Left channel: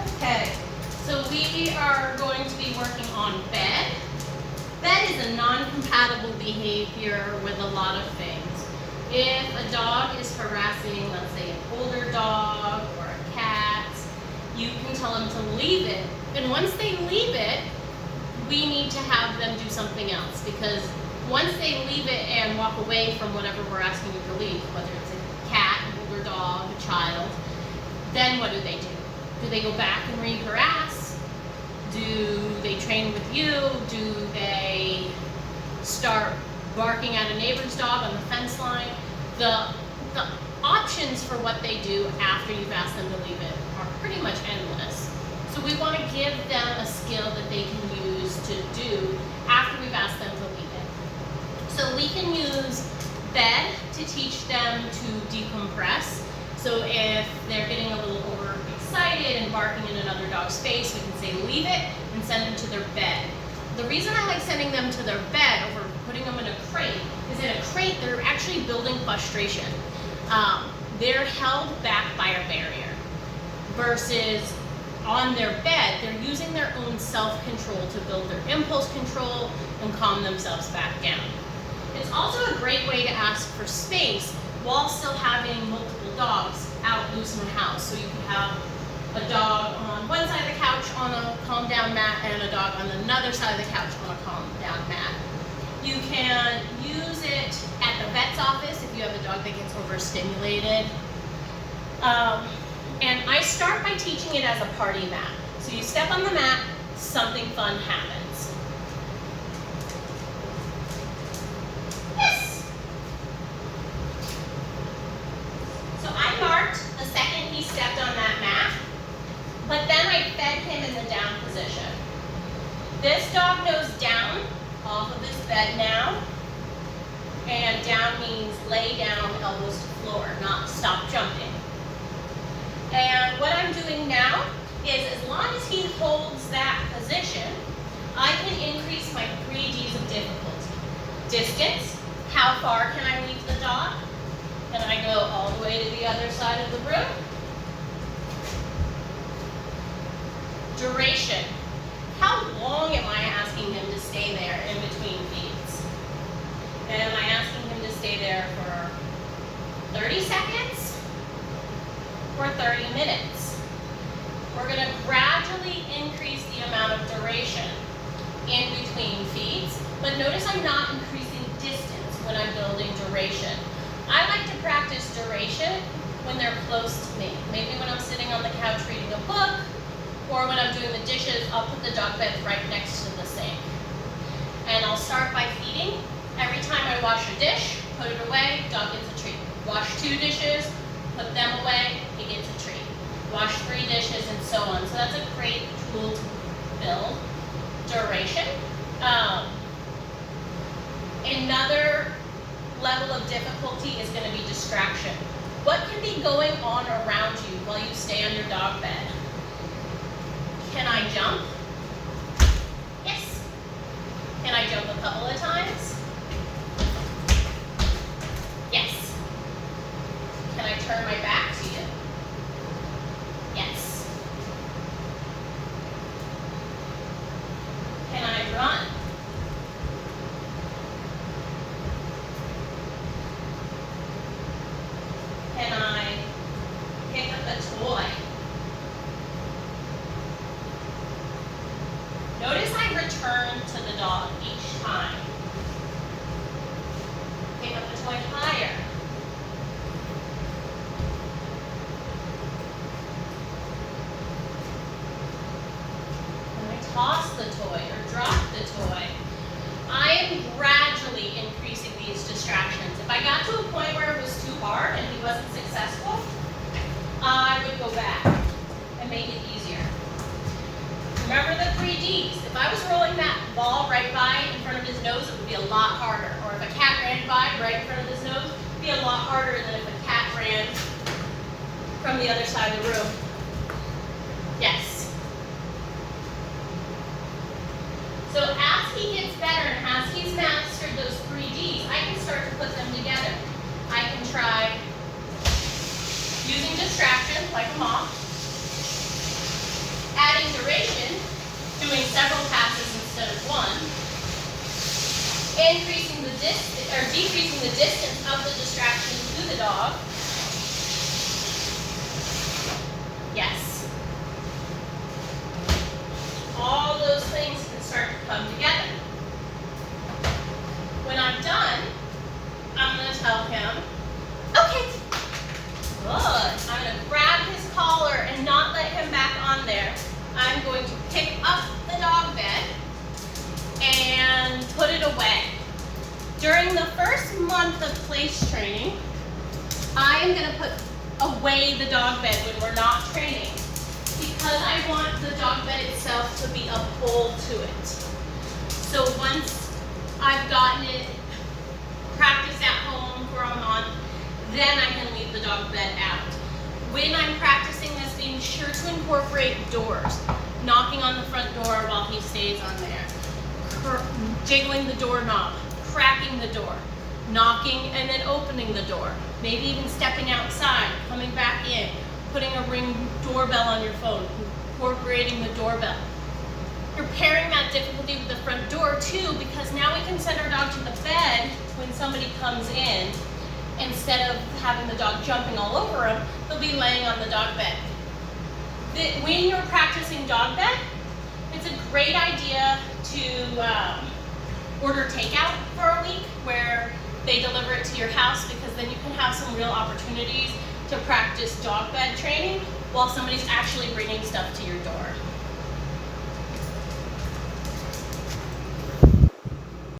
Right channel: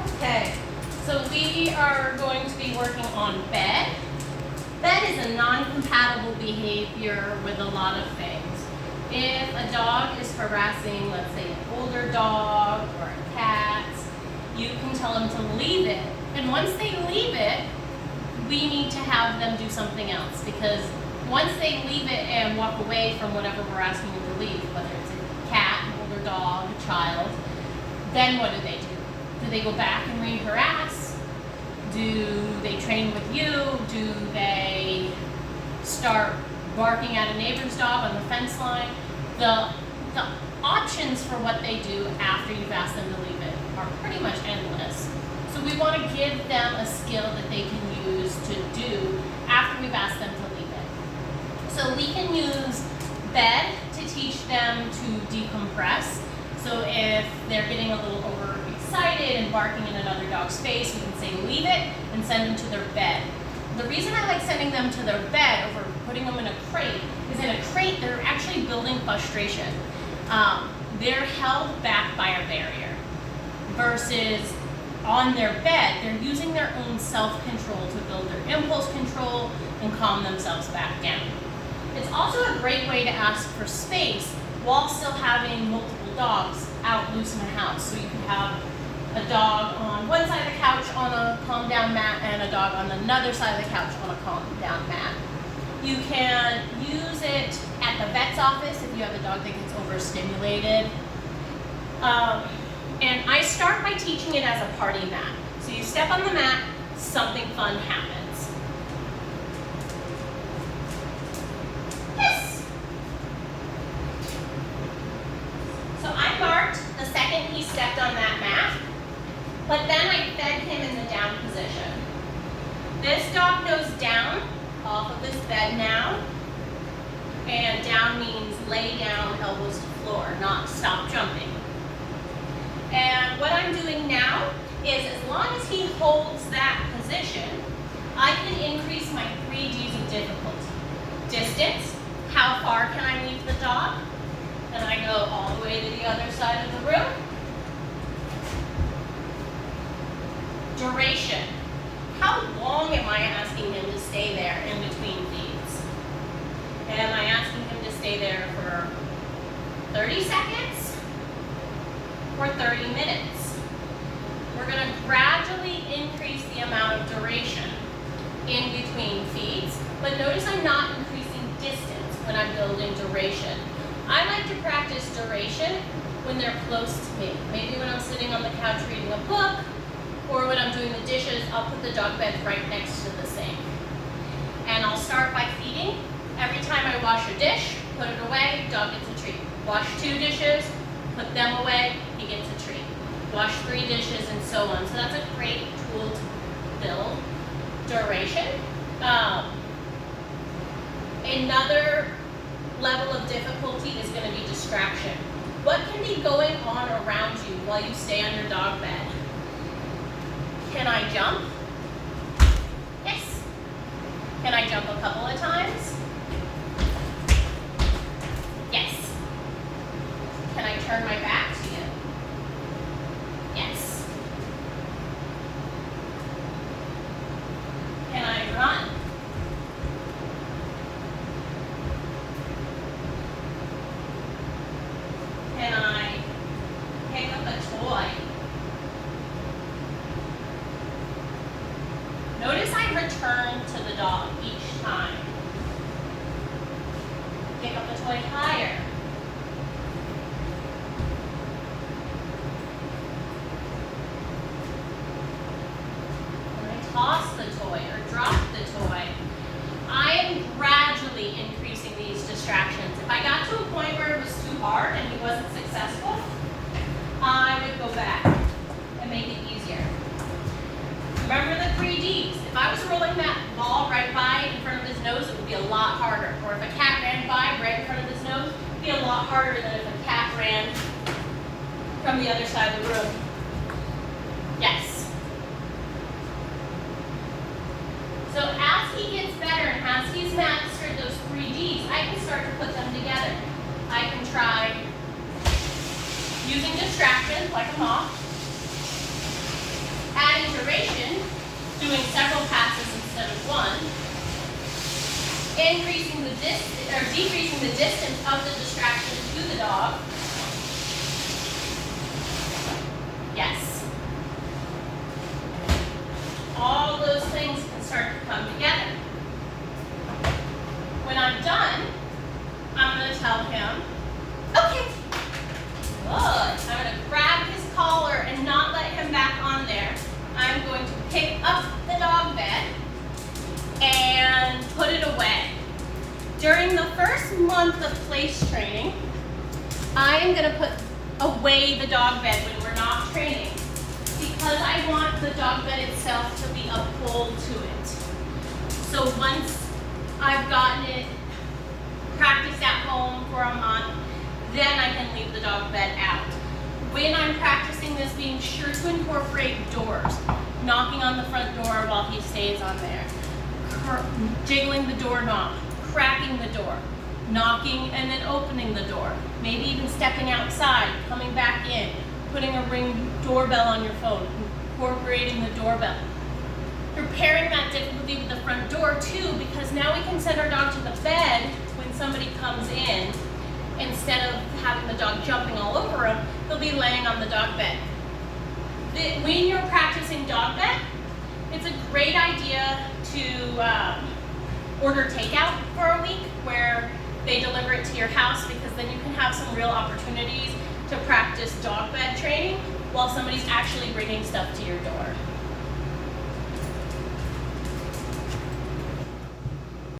Okay, so we are going to be working on bed. Bed is a non-compatible behavior with a lot of things. If a dog is harassing, let's say, an older dog or a cat, you can tell them to leave it. And once they leave it, we need to have them do something else, because once they leave it and walk away from whatever we're asking them to leave, whether it's a cat, an older dog, a child, then what do they do? Do they go back and re-harass? Do they train with you? Do they start barking at a neighbor's dog on the fence line? The options for what they do after you've asked them to leave it are pretty much endless. So we want to give them a skill that they can use to do after we've asked them to leave it. So we can use bed to teach them to decompress. So if they're getting a little overexcited and barking in another dog's face, we can say leave it and send them to their bed. The reason I like sending them to their bed over putting them in a crate is that a crate, they're actually building frustration. They're held back by a barrier versus on their bed, they're using their own self-control to build their impulse control and calm themselves back down. It's also a great way to ask for space while still having multiple dogs out loose in the house. So you can have a dog on one side of the couch on a calm down mat and a dog on another side of the couch on a calm down mat. You can use it at the vet's office if you have a dog that gets overstimulated. And I start by teaching it as a party mat. So you step on the mat, something fun happens. Yes! So I barked the second he stepped on that mat, but then I fed him in the down position. This dog knows down, off of his bed now, and down means lay down, elbows to floor, not stop jumping. And what I'm doing now is, as long as he holds that position, I can increase my 3 Ds of difficulty. Distance, how far can I leave the dog? Then I go all the way to the other side of the room. Duration, how long am I asking him to stay there in between feeds? Am I asking him to stay there for 30 seconds or 30 minutes? We're going to gradually increase the amount of duration in between feeds, but notice I'm not increasing distance when I'm building duration. I like to practice duration when they're close to me. Maybe when I'm sitting on the couch reading a book, or when I'm doing the dishes, I'll put the dog bed right next to the sink. And I'll start by feeding. Every time I wash a dish, put it away, dog gets a treat. Wash 2 dishes, put them away, he gets a treat. Wash 3 dishes, and so on. So that's a great tool to build duration. Another level of difficulty is going to be distraction. What can be going on around you while you stay on your dog bed? Can I jump? Yes. Can I jump a couple of times? Yes. Can I turn my back to you? Yes. Can I run? Can I pick up a toy? Notice I return to the dog each time. Pick up the toy higher. When I toss the toy or drop the toy, I am gradually increasing these distractions. If I got to a point where it was too hard and he wasn't successful, I would go back and make it easier. Remember the 3 Ds. If I was rolling that ball right by in front of his nose, it would be a lot harder. Or if a cat ran by right in front of his nose, it would be a lot harder than if a cat ran from the other side of the room. Yes. So as he gets better and as he's mastered those 3 Ds, I can start to put them together. I can try using distractions like a mop. increasing the distance or decreasing the distance of the distraction to the dog. Yes. All those things can start to come together. When I'm done, I'm going to tell him, okay, good. I'm going to grab his collar and not let him back on there. I'm going to pick up the dog bed and put it away. During the first month of place training, I am going to put away the dog bed when we're not training because I want the dog bed itself to be a pull to it. So once I've gotten it practiced at home for a month, then I can leave the dog bed out. When I'm practicing this, being sure to incorporate doors, knocking on the front door while he stays on there, jiggling the doorknob, cracking the door, knocking and then opening the door, maybe even stepping outside, coming back in, putting a Ring doorbell on your phone, incorporating the doorbell. Preparing that difficulty with the front door too, because now we can send our dog to the bed when somebody comes in. Instead of having the dog jumping all over him, they'll be laying on the dog bed. When you're practicing dog bed, it's a great idea to order takeout for a week where they deliver it to your house, because then you can have some real opportunities to practice dog bed training while somebody's actually bringing stuff to your door.